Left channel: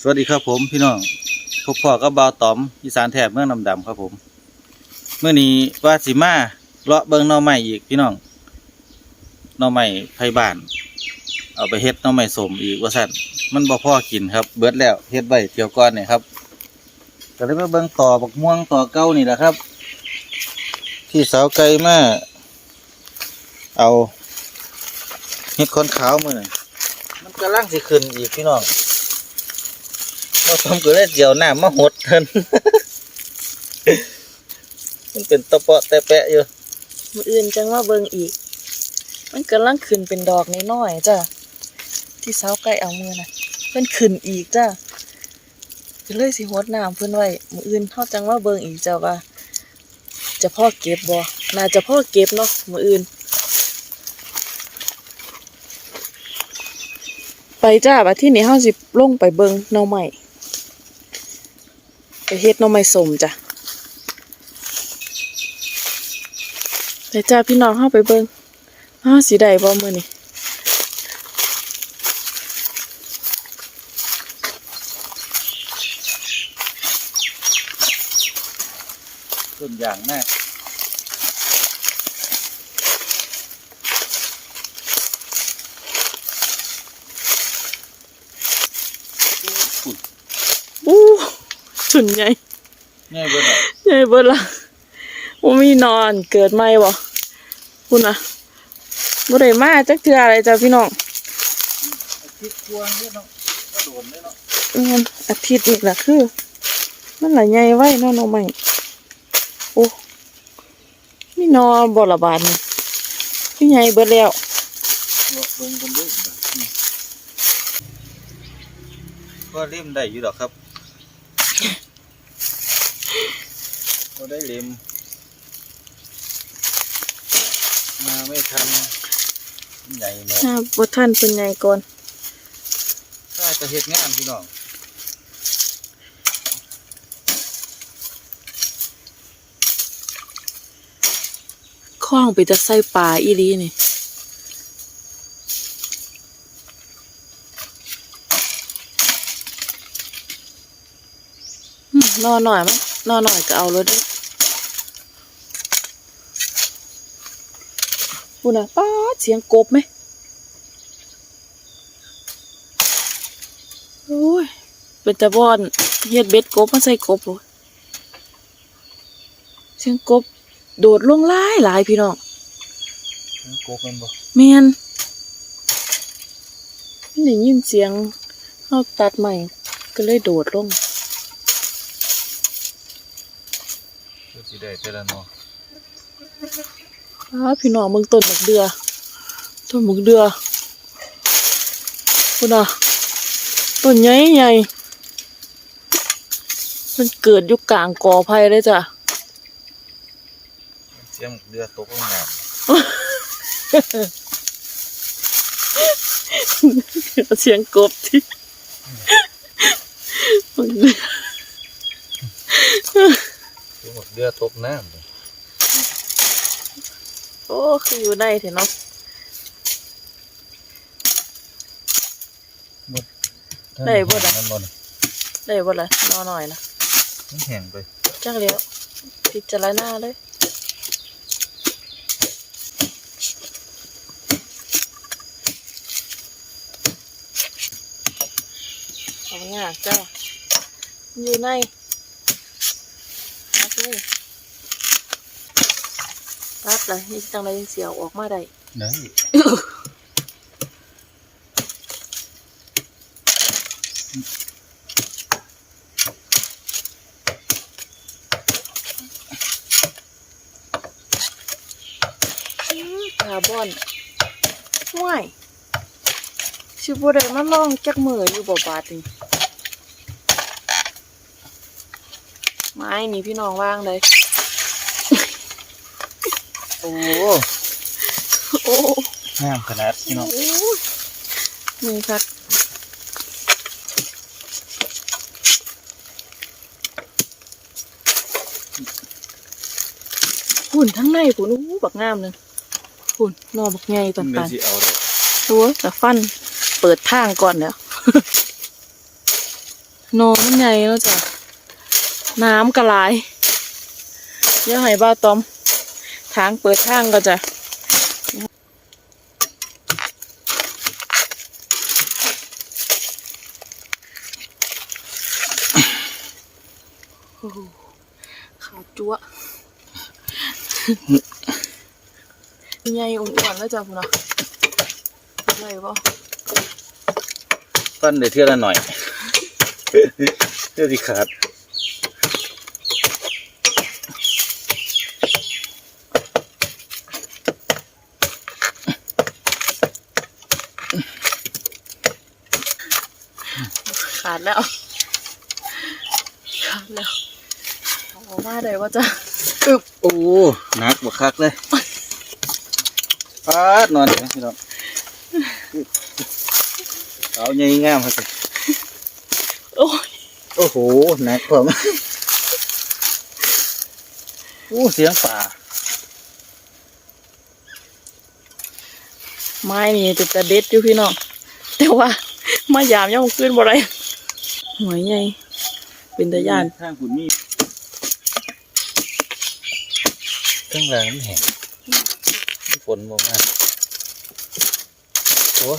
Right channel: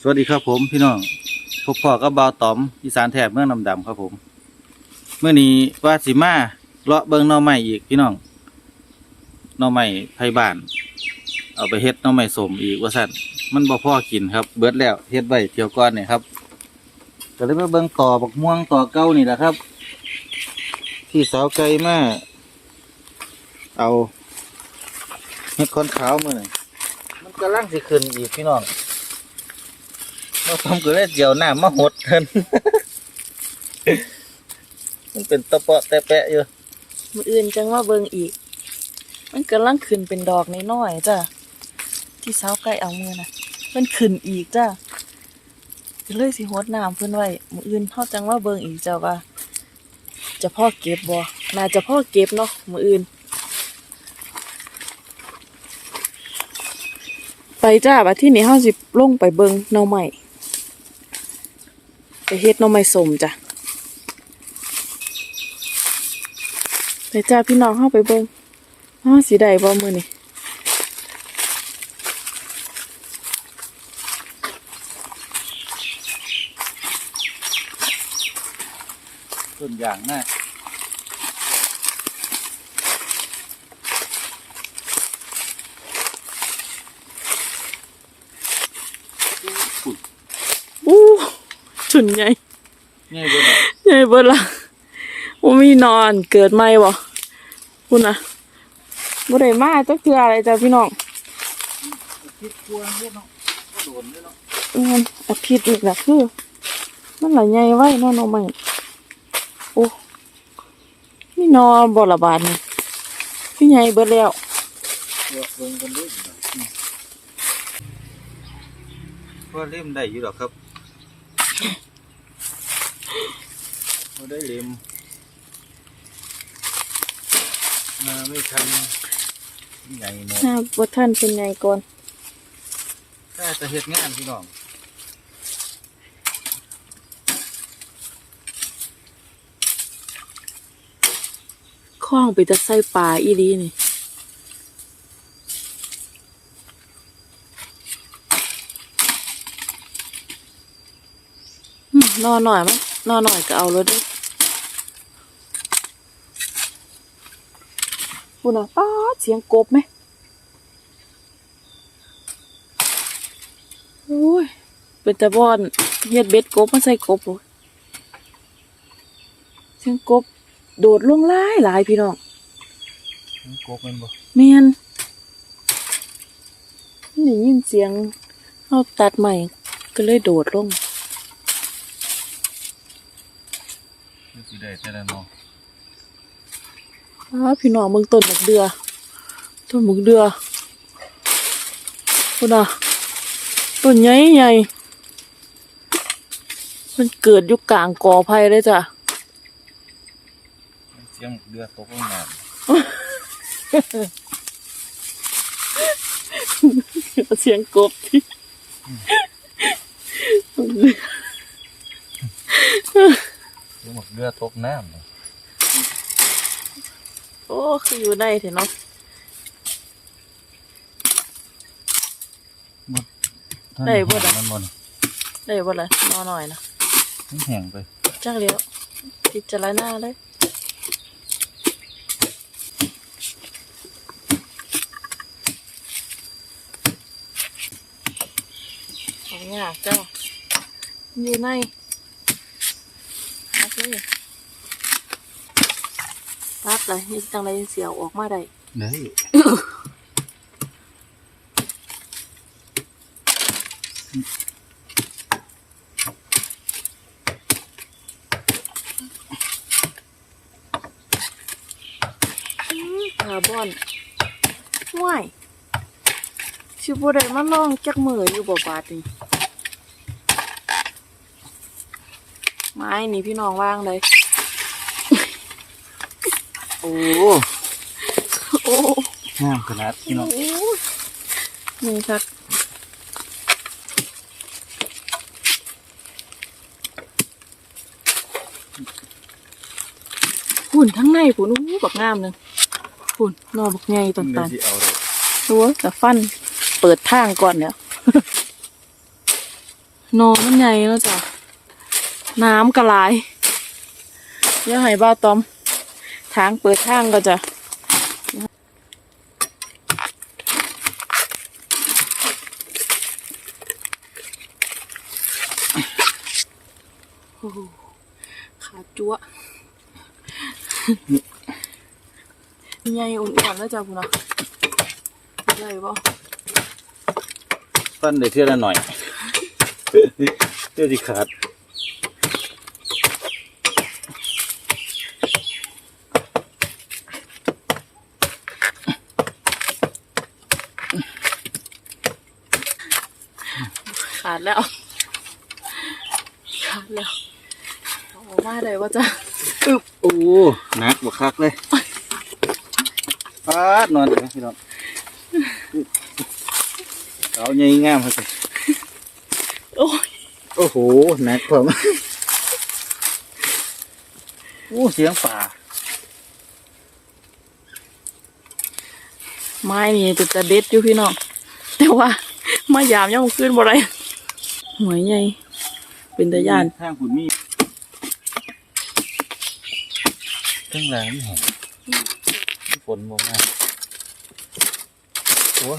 สวัสดีครับผมพี่น้องพบพ่อกับบ่าวต๋อมอีสานแถบเมืองนำดำครับผมเมื่อนี้ว่าสิมาเลาะเบิงหน่อใหม่อีกพี่น้องหน่อใหม่ไผ่บ้าน เอาไปเฮ็ดหน่อใหม่สมอีกว่าสั่นมันบ่พอกินครับ เบิดแล้วเฮ็ดไว้เที่ยวก่อนเนี่ยครับก็เลยมาเบิงต่อบักม่วงต่อเก้านี่แหละครับ ที่สาวไก่มาเอาเฮ็ดคอนขาวมือนี่มันกำลังสิขึ้นอีกพี่น้อง มาทำก็เลยเจียวหน้ามาหดเทินมันเป็นตะเปาะแต่แปะอยู่มืออื่นจังว่าเบิงอีก มันกำลังขึ้นเป็นดอกน้อยๆจ้ะที่เสาใกล้เอามือนะเพิ่นขึ้นอีกจ้ะก็เลยสิหดน้ำเพิ่นไว้มืออื่นเฮาจังว่าเบิงอีกเจ้ะว่าจะพ่อเก็บบ่น่าจะพ่อเก็บเนาะมืออื่น ไปจ้าบัดที่นี้เฮาสิลงไปเบิงหน่อใหม่ ไปเฮ็ดน้องไม่สมจ้ะไปจ้าพี่น้องเข้าไปเบิ่งอ้าสีใดบ่มือนี่ต้นอย่างแน่าอุ้ย อู้ ชุนใหญ่ง่ายเบิดอะใหญ่เบิดละบ่มีนอนเกิดใหม่บ่คุณน่ะบ่ได้มาจักเทื่ออะไรจ้าพี่น้องคิดกวนเยอะเนาะกระโดมเลยเนาะงานอาทิตย์นี่ล่ะคือมันหลายใหญ่ไว้เนาะน้องใหม่โอ้มีนอนบ่ละบาดนี่พี่ใหญ่เบิดแล้วเดี๋ยวเบิ่งกันเด้วยก็เล่มได้อยู่ดอกครับ ก็ได้เล่มมาไม่ทันใหญ่หมดถ้าบ่ทันเพิ่นใหญ่ก่อนได้แต่เห็ดงานพี่น้องคล้องไปจะใส่ปลาอีหลีนี่อืมนอนหน่อยมั้ย นอนหน่อยก็เอาเลยเด้วยพูดนะป้าดเสียงกบไหมโอ้ย เป็นตะบอนเฮ็ดเบ็ดกบมาใส่กบเลยเสียงกบ โดดลงหลายหลายพี่น้องมันโกบมันบ่เมียนได้ยินเสียงเขาตัดใหม่ก็เลยโดดลง คือสิได้แต่ละเนาะอ้าพี่น้องเบิ่งต้นบักเดือต้นบักเดือพุ่นอะต้นใหญ่ใหญ่มันเกิดอยู่กลางกอไผ่เลยจ้ะเสียงเรือตกลงน้เสียงกบที่บั กเดือำเสียงเรือตกน้ำเลยโอ้ คืออยู่ในเถอะเนาะได้บ่ล่ะมันบ่น่ะได้บ่ล่ะนอนหน่อยนะมันแห้งไปจักเลี้ยวพิจารณาเลยเอาเนี่ยากเจ้าอยู่ในฮัก เลยตัดเลยนี่จังไรเสียวออกมาได้ได้คาร์บอนห่วยชิบุได้มาลองจักมืออยู่บ่บาดนี่ ไม้นี่พี่น้องว่างเลย โอ้โอ้งามขนาดพี่น้องโอ้ยนี่ครับหุ่นทั้งในผุนอู้บักงามเลยหุ่นนอบักใหญ่ปัมันก็นสิเอาเลยๆตัวแต่ฟันเปิดทางก่อนเนี่ยนอมันใหญ่แล้วจ้ะ น้ำกระลายเดี๋ยวให้บ้าตอม ทางเปิดทางก็จะขาจั๊วะใหญ่อ้วนๆแล้วจ้ะพุ่นะใหญ่ป่ะฟันได้เท่าละหน่อยเท่าที่ขาด ดแล้ว ขาดแล้วเอาออกมาได้ว่าจ้ะอึบโอ้หนักบักคักเลยฟาดนอนอยู่นะพี่น้องเอาใหญ่งามครับโอ้ยโอ้โหหนักผมโอ้เสียงป่าไม้นี่จะจะเด็ดอยู่พี่น้องแต่ว่า มายามยังขึ้นบ่ไร หวยใหญ่ เป็นตะยานทางคุณมีข้างหลังมันแห้งฝนลงมาโอ้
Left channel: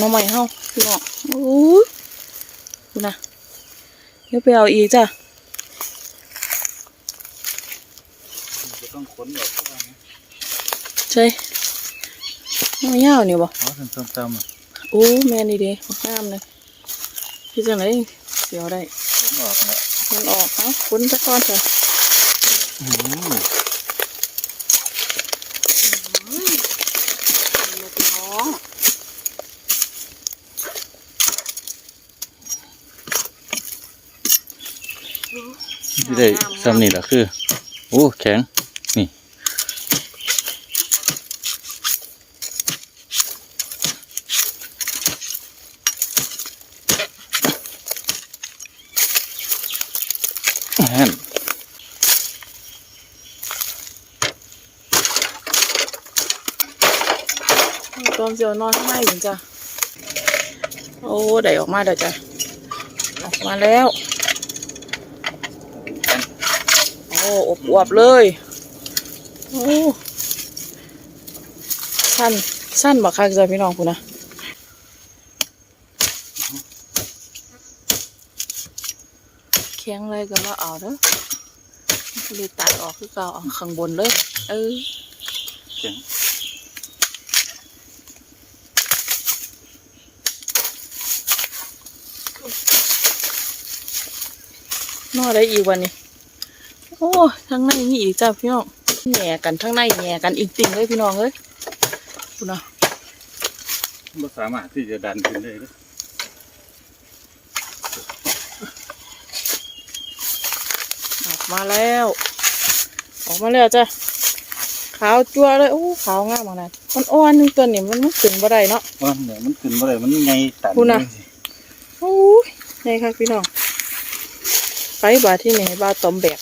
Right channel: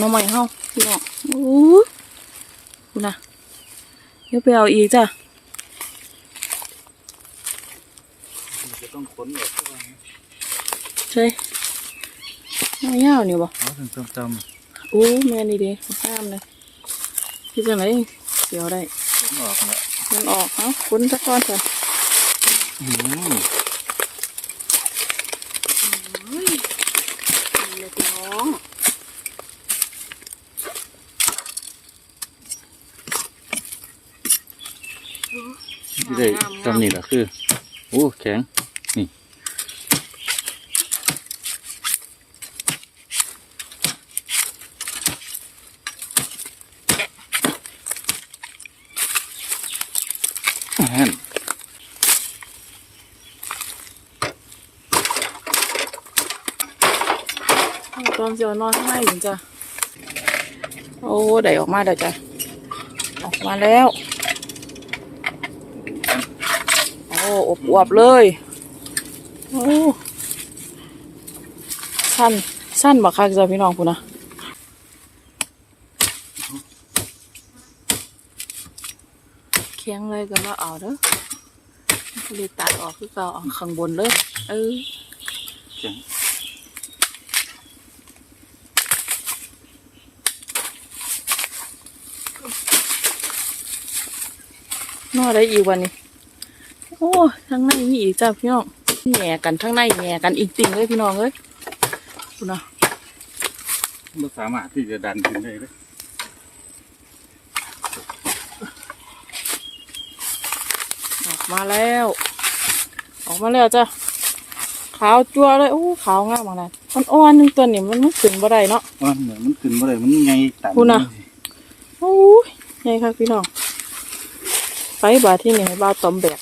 น้องใหม่เฮาพี่น้องโอ้ยคุณนะเดี๋ยวไปเอาอีกจ้ะจะต้องขนออกทุกวันนะใช่ ไม่ยาวนี่บ่เพราะถึงจำๆอะโอ้แม่นี่เดีงามเลยพี่จังไหนเดี๋ยวได้ขนออกแล้วมันออกเอ้าคุณสักก้อนจ้ะอืมเฮ้ยนี่พี่น้องที่ได้ซ้ำนี่แหละคือ โอ้ แข็ง นี่ แน่น ตอมเสี ยว นอนข้างในถึงจ้ะโอ้ได้ออกมาเดี๋ยวจ้ะออกมาแล้ว โอ้อบอวบเลยโอ้สั้นสั้นบักคักจ้ะพี่น้องคุณนะแข็งเลยก็มาเอาเด้อเลยตัดออกคือเก่าเอข้างบนเลย เออแข็ง นอได้อีกวันนี้ โอ้ทั้งในมีอีกจ้าพี่น้องแหน่กันทั้งในแหน่กันอีกจริงเลยพี่น้องเอ้ยคุณนะไม่สามารถที่จะดันขึ้นได้เลยออกมาแล้ว ออกมาแล้วจ้ะขาวจั่วเลยโอ้ขาวงามมากนะมันอ่อนๆหนึงตัวนี่มันมันขึ้นบ่ได้เนาะว่าเนี่ยมันขึ้นมาเลยมันไงตันคุณน่ะโอ้ยไงครับพี่น้อง ไปบาทที่ไหนบาตอมแบก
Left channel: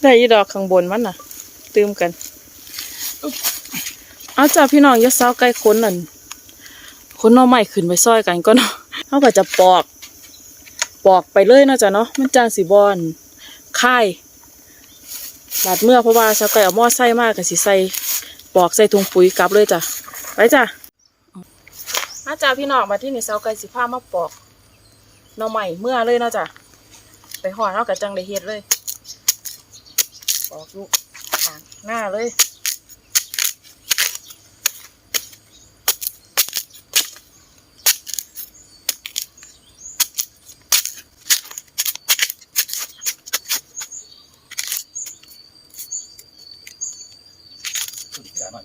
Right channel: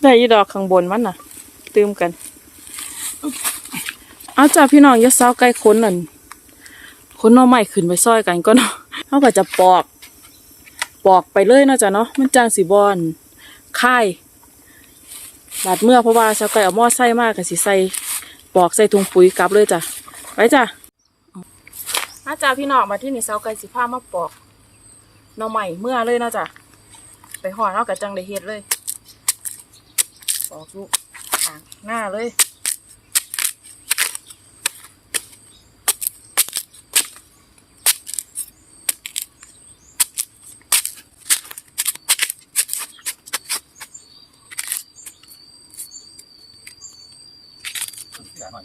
ได้ยได้ยีดอกข้างบนมันน่ะ ตืมกัน เอาจ้าพี่น้องยาเศร้าใกล้คนนั่นคนน้อใหม่ขึ้นไปซอยกันก็เนาะเขาก็จะปอก ปอกไปเลยเนาะจ้ะเนาะมันจางสีบอนค่ายบาดเมื่อเพราะว่าชาวไก่เอาหม้อไส้มากกับสีใส่ปอกใส่ถุงปุ๋ยกลับเลยจ้ะไปจ้ะอาจ้าพี่น้องมาที่นี่ชาวไก่สีผ้ามาปอก หน่อใหม่เมื่อเลยเนาะจ้ะไปห่อเนาะกับจังได้เฮ็ดเลยปอกลูกทางหน้าเลยได้มา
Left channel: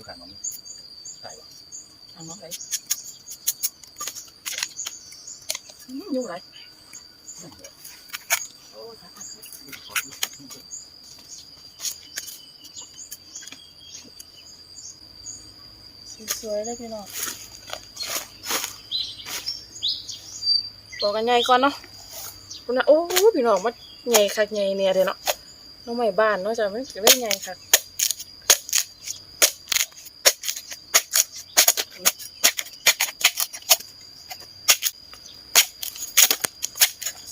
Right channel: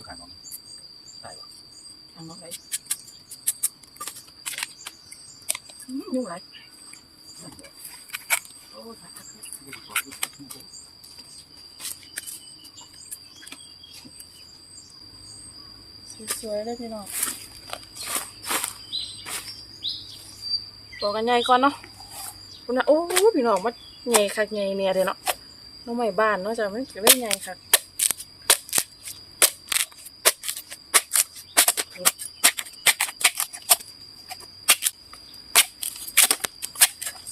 สวยเลยพี่น้องบอกกันใหญ่ก่อนเนาะคุณนะโอ้พี่น้องมานใหญ่คักใหญ่เนี่ยเดี๋ยเนาะน้องใหม่บ้านเนาะจะไม่จะไม่ใหญ่คัก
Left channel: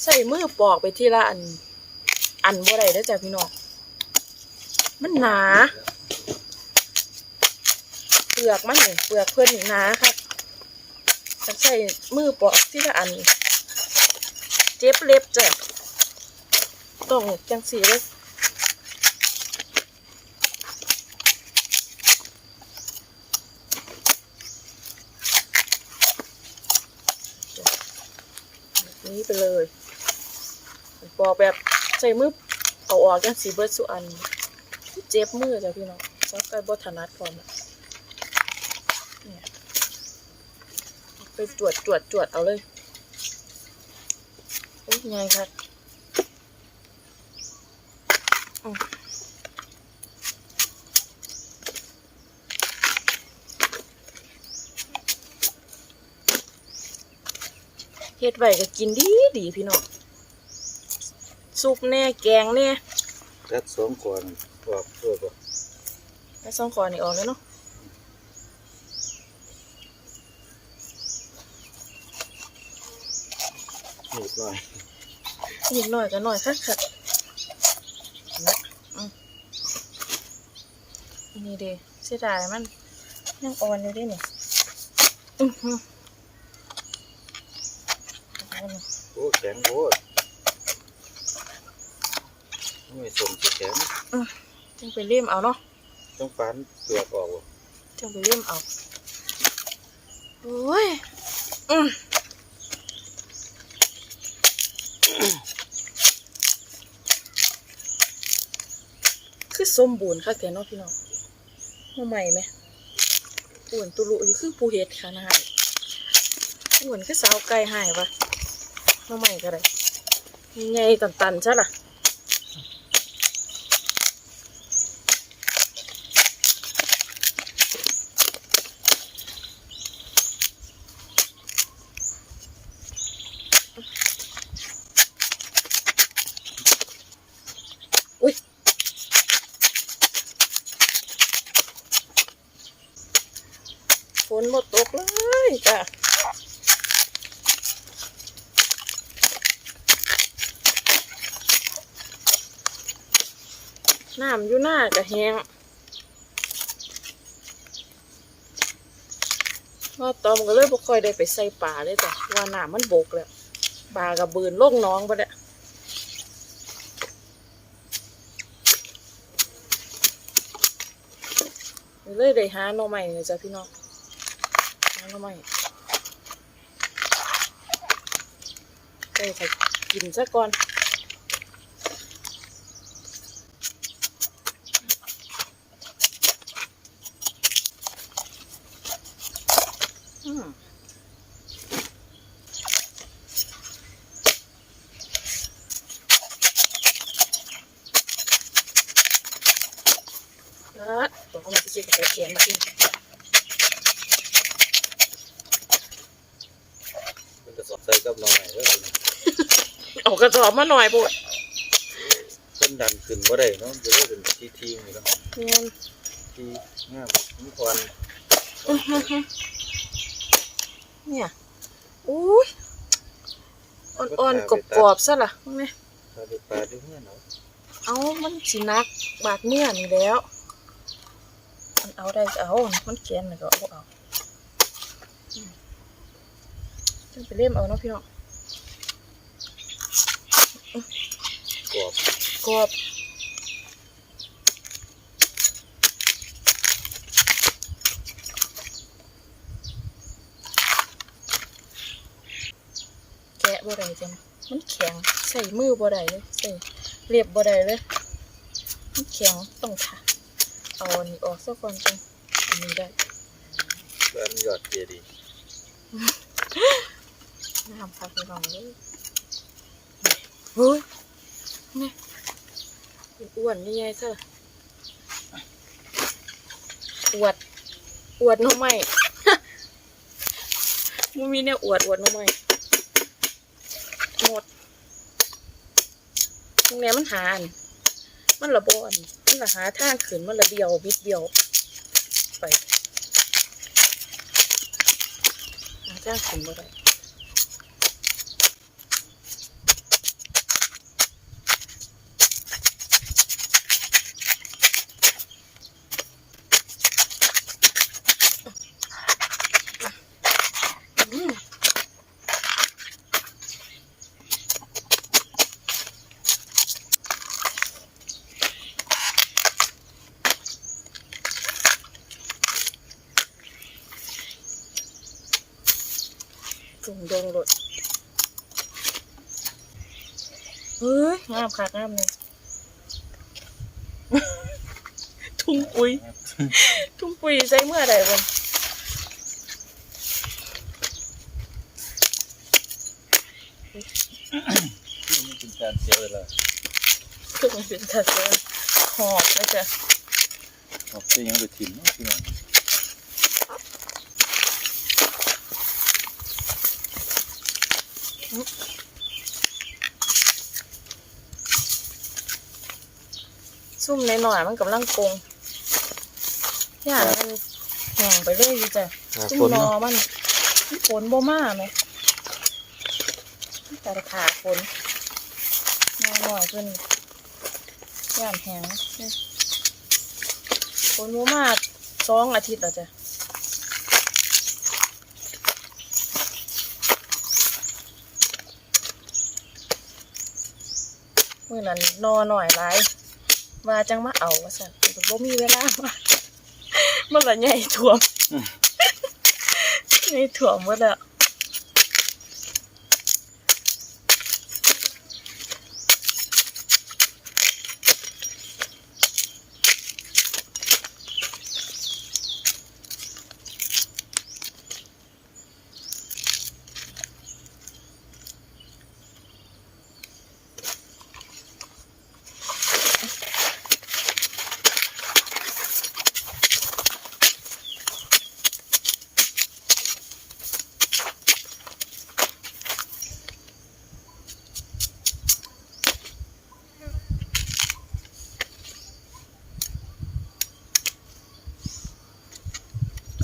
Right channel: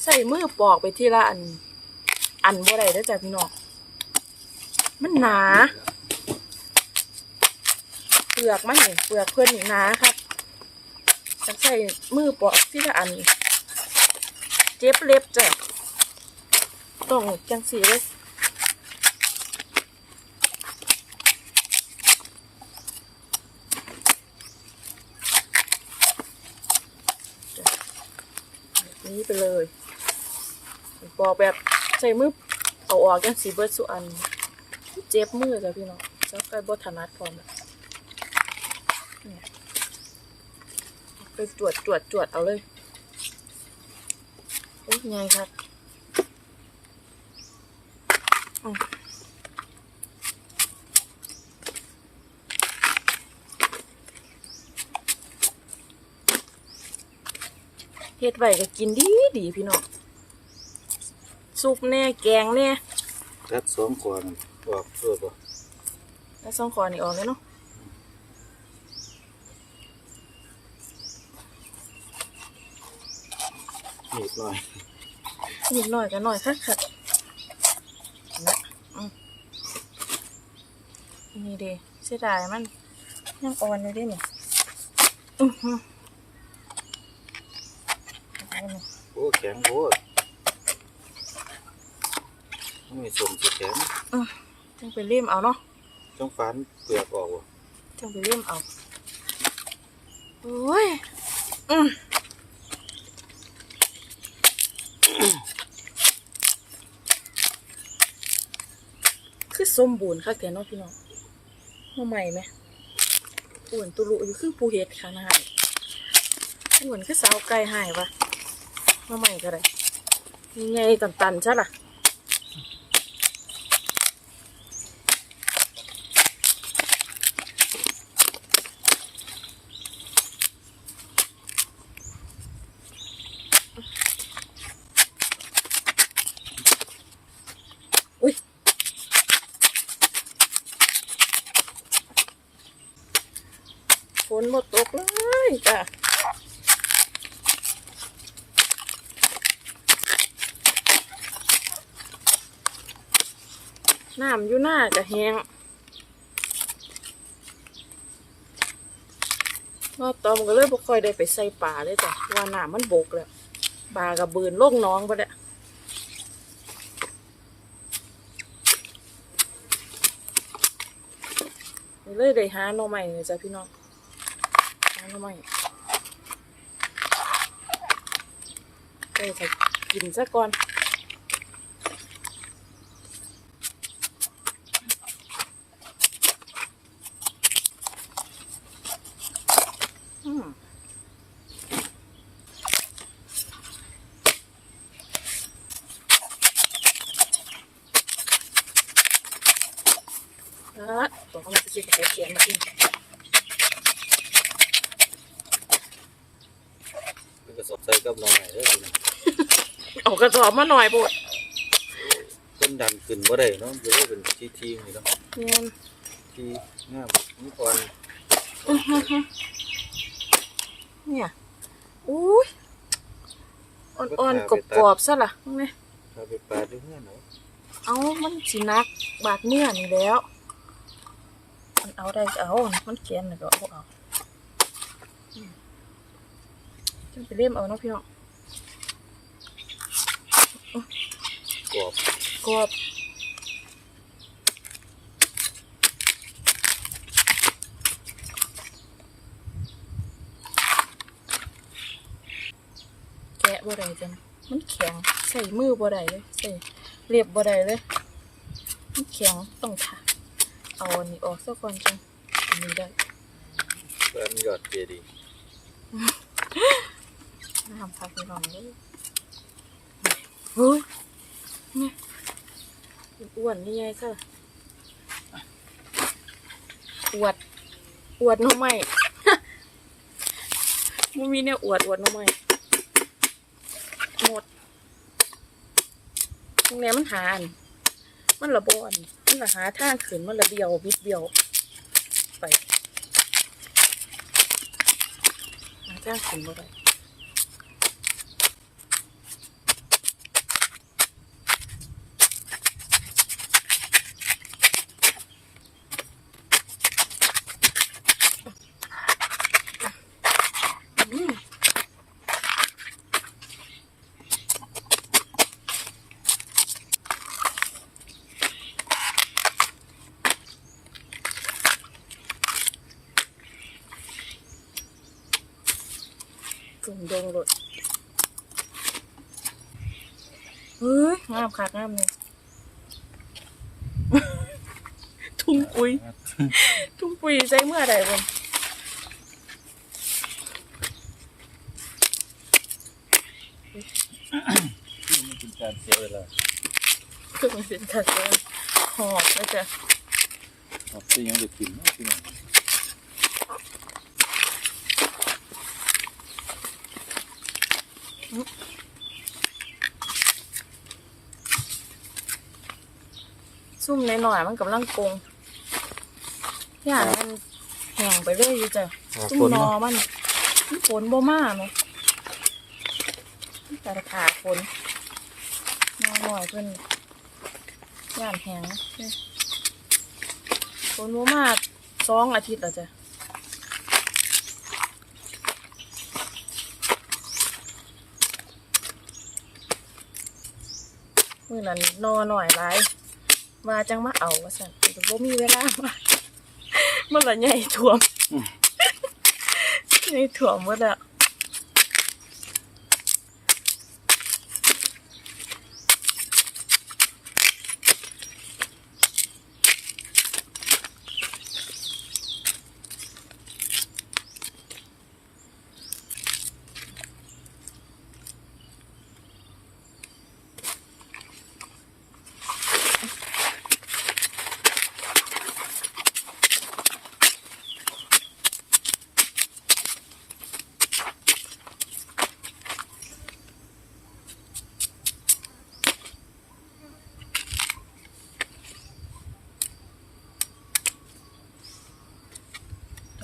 ใส่มือปอกไปที่ละอัน อันบ่ได้แล้วจ้ะพี่น้องมันหนา ลือกมันนี่เปลือกเพิ่นนี่หนาครับจะใส่มือปอกที่ละอันเจ็บเล็บจ้ะต้องจังสีเลยแบนี้ไปเลยปอกแบบใส่มือเอาออกยังสีเบิร์ดสุอัน เจ็บมือจ้ะพี่น้องซักไก่บถนัดพร้อมละเนี่ยเอา ไปจวดจวดจวดเอาเลยโอ้ยไงครับอืมเฮ็ดไว้ก็กินดีดีพี่น้องซุปแน่แกงแน่ตัดสองก่อนออกเพื่อบ่แล้วซ่องคอนี่ออกเลยเนาะ นิดหน่อยนิดหน่อยก็หน่อยคักคักนะอืมนี่เดีเสียดายมันยังอ่อนอยู่เดิเนี่ยอือหือเอาหน่อยโอ้แข็งโอ้นี่สมสิแข็งจังไปเลี่ยมเอาเนาะต้องฟันเปลือกออกบ่จังไปเลี่ยมเอาโอ้ยอืม ส้มบูนคักแต่น้องพี่น้องมาใหม่ไหมอ้วนตุลุอยู่คือปูเฮ็ดขนาดอ้วนคือสาวไก่หายวะมาใหม่ก็ได้ไงตันๆใช่ล่ะ หมดตกเลยจ้ะน้ำอยู่หน้าก็แห้งว่าตอมก็เลยบ่ค่อยได้ไปใส่ป่าเลยจ้ะว่าน้ำมันบกแล้วปลากับบืนลงน้องไปแล้วเลยได้หาหน่อใหม่เลยจ้ะพี่น้อง หาหน่อใหม่ไปใส่กินซะก่อนอืมแล้วตัวเขามาจะเช็คกับเขียนมากิน มันก็สอดใส่กับหน่อยเด้อ เอา กระสอบมาหน่อยปวดต้นดันขึ้นบ่ได้เนาะจะได้เป็นทีทีๆนี่ก็เนี่ยทีงามนี่ก่อนอื้อหือหือเนี่ยอุ้ยอ่อนๆกรอบๆซะล่ะมึงเนี่ยถ้าไปปลาด้วยเนี่ยเนาะเอามันสินักบาดเมื่อนี่แล้วมันเอาได้ก็เอา มันแกนน่ะก็เอาเอาอืมจังไปเล่มเอาเนาะพี่น้อง กรอบกรอบแกะบ่ได้จังมันแข็งใส่มือบ่ได้เลยใส่เรียบบ่ได้เลยมันแข็งต้องถาเอาอันนี้ออกซะก่อนจังอันนี้ได้แกนยอดเจดีย์น้ำพักไปลองเลย เฮ้ยนี่อ้วนนี่ไงซะอวด อวดหน้องใหม่มันมีเนี่ยอวดอวดหน้องใหม่หมดตรงเนี้ยมันหาอันมันระบอนมันละหาทางขึ้นมันละเบียวบิดเบียว ไปหาทางขึ้นบ่ได้ สุ่มดงรถเฮ้ยงามคักงามเลยทุ่งปุยทุ่งปุยใช้เมื่อใดบนที่มันเป็นการเสียเวลาคือมันเป็นกระเซหอบแล้วจ้ะออกที่ยังไปถิ่นนะพี่น้อง ซุ่มในหน่อยๆมันกำลังกงย่านมันแห้งไปเรื่อยอยู่จ้ะซุ่มนอมันมันฝนบ่มาไหมแต่ขาฝนนอหน่อยเพิ่นย่านแห้งเนี่ยฝนบ่มาสองอาทิตย์แล้วจ้ะ มื่อนั้นนอหน่อยหลายว่าจังมาเอาว่าสั่นแต่บ่มีเวลามามันละใหญ่ท่วมใหญ่ท่วมหมดแล้ว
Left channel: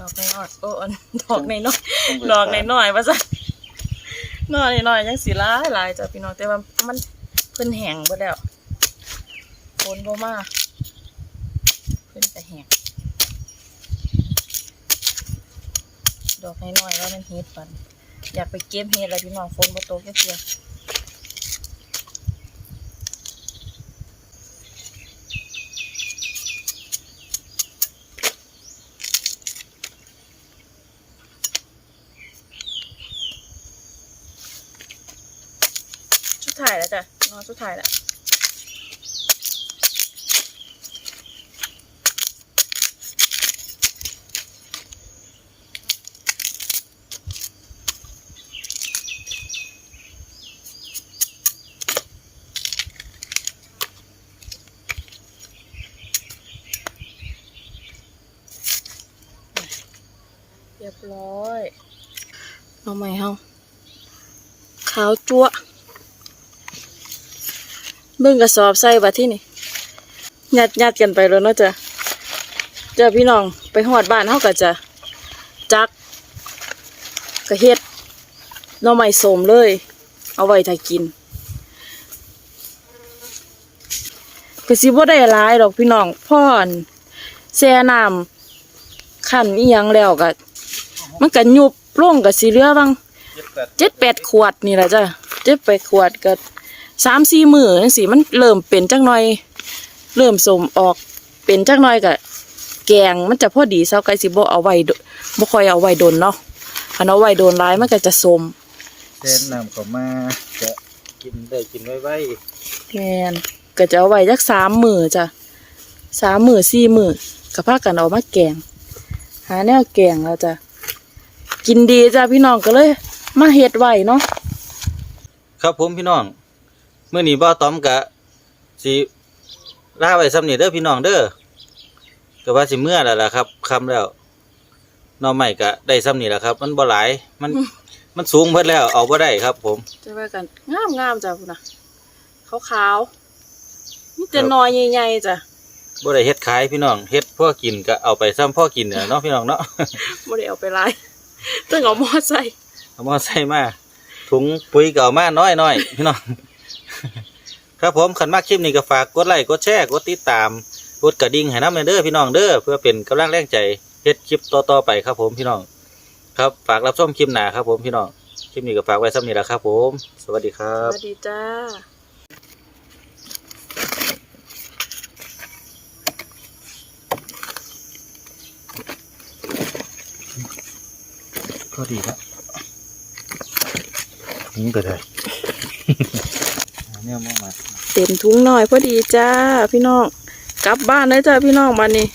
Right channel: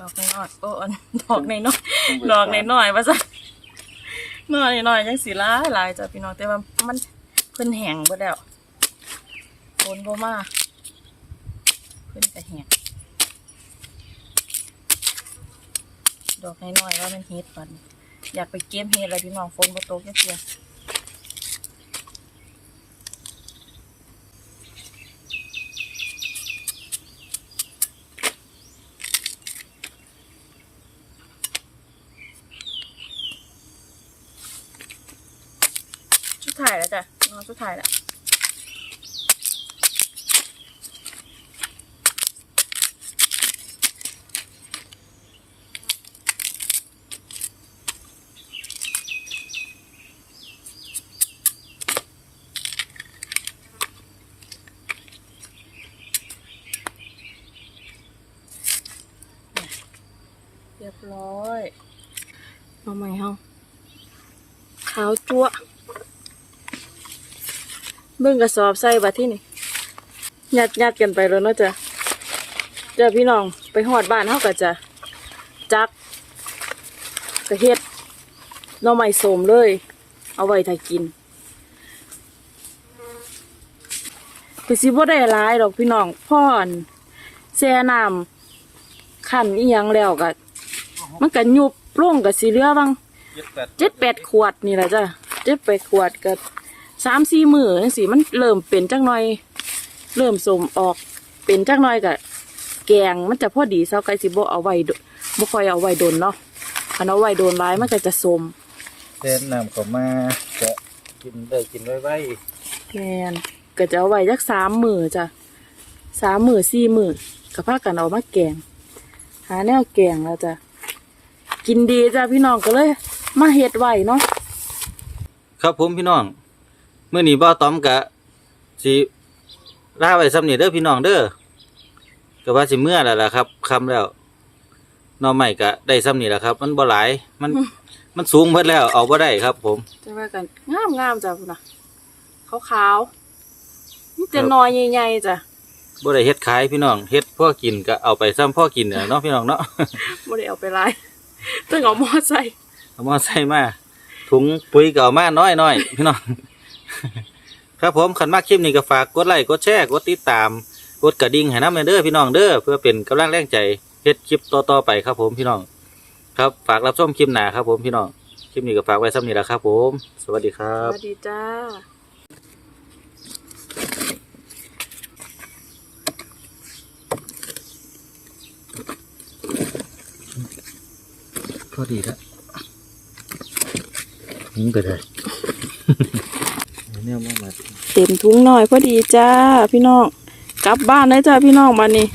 อกในนอดโอ้อันดอกในน้อยดอกในน้อยว่าซะนอในน้อยยังสีร้ายหลายจ้ะพี่น้องแต่ว่ามันเพิ่นแห้งเบิดแล้วฝนบ่มาเพิ่นก็แห้งดอกในน้อยว่ามันเฮ็ดปันอยากไปเก็บเฮ็ดอะไรพี่น้องฝนบ่ตกจักเทื่อสุดท้ายแล้วจ้ะนอน สุดท้ายแล้วเรียบร้อย เอาใหม่เฮาขาวจั๊วะ เบิ่งกระสอบใส่บัดที่นี่ยัดยัดกันไปแล้วเนาะจ้ะจ้ะพี่น้องไปหอดบ้านเฮาก็จะจักกระเฮ็ดน่อไม้สมเลย เอาไว้ถ้ากินก็สิบ่ได้หลายดอกพี่น้องพ่อนแช่น้ำขันอียังแล้วก็มันก็ยุบล่วงกับสีเหลือบ้างเจ็ดแปดขวดนี่แหละจ้ะเจ็ดแปดขวดก็ สามสี่มือจังสิมันเริ่มเป็นจักหน่อย เริ่มสมออกเป็นจักหน่อยก็แกงมันจะพอดีเซาไก่สิบ่เอาไว้โดบ่ค่อยเอาไว้โดนเนาะอันเอาไว้โดนร้ายมันก็จะสมเส้นน้ำเข้ามาจะกินได้กินไว้ไว้แมนก็จะเอาไว้จักสามมือจ้ะสามมือสี่มือก็พากันเอามาแกง หาแนวแกงแล้วจ้ะกินดีจ้ะพี่น้องก็เลย มาเฮ็ดไว้เนาะครับผมพี่น้อง เมื่อนี้บ่าวตอมกะสิลาไว้ซ้ำนี่เด้อพี่น้องเด้อก็ว่าสิเมื่อแล้วล่ะครับคำแล้วหนอใหม่กะได้ซ้ำนี่แหละครับ มันบ่หลายมันมันสูงเพิ่นแล้วเอาบ่ได้ครับ ผม จะว่ากันงามงามๆจ้ะพุ่นน่ะขาวๆมีแต่หนอยใหญ่ๆจ้ะบ่ได้เฮ็ดขายพี่น้องเฮ็ดพ่อกินก็เอาไปซ้ำพ่อกินน่ะเนาะพี่น้องเนาะ บ่ได้เอาไปหลายต้องเอามอใส่เอามาใส่มาถุงปุ๋ยก็เอามาน้อยน้อยๆพี่น้อง ครับผมขันมากคลิปนี้ก็ฝากกดไลค์กดแชร์กดติดตามกดกระดิ่งให้น้ำเด้อพี่น้องเด้อเพื่อเป็นกำลังแรงใจเฮ็ดคลิปต่อๆไปครับผมพี่น้อง ครับฝากรับชมคลิปหน้าครับผมพี่น้องคลิปนี้ก็ฝากไว้ซ้ำนี้แหละครับผม สวัสดีครัสบ วัสดีจ้าพอดีครับหิงไปเลย เนี่ยมามาเต็มถุงหน่อยพอดีจ้าพี่น้อง กลับบ้านเลยจ้าพี่น้องมานี่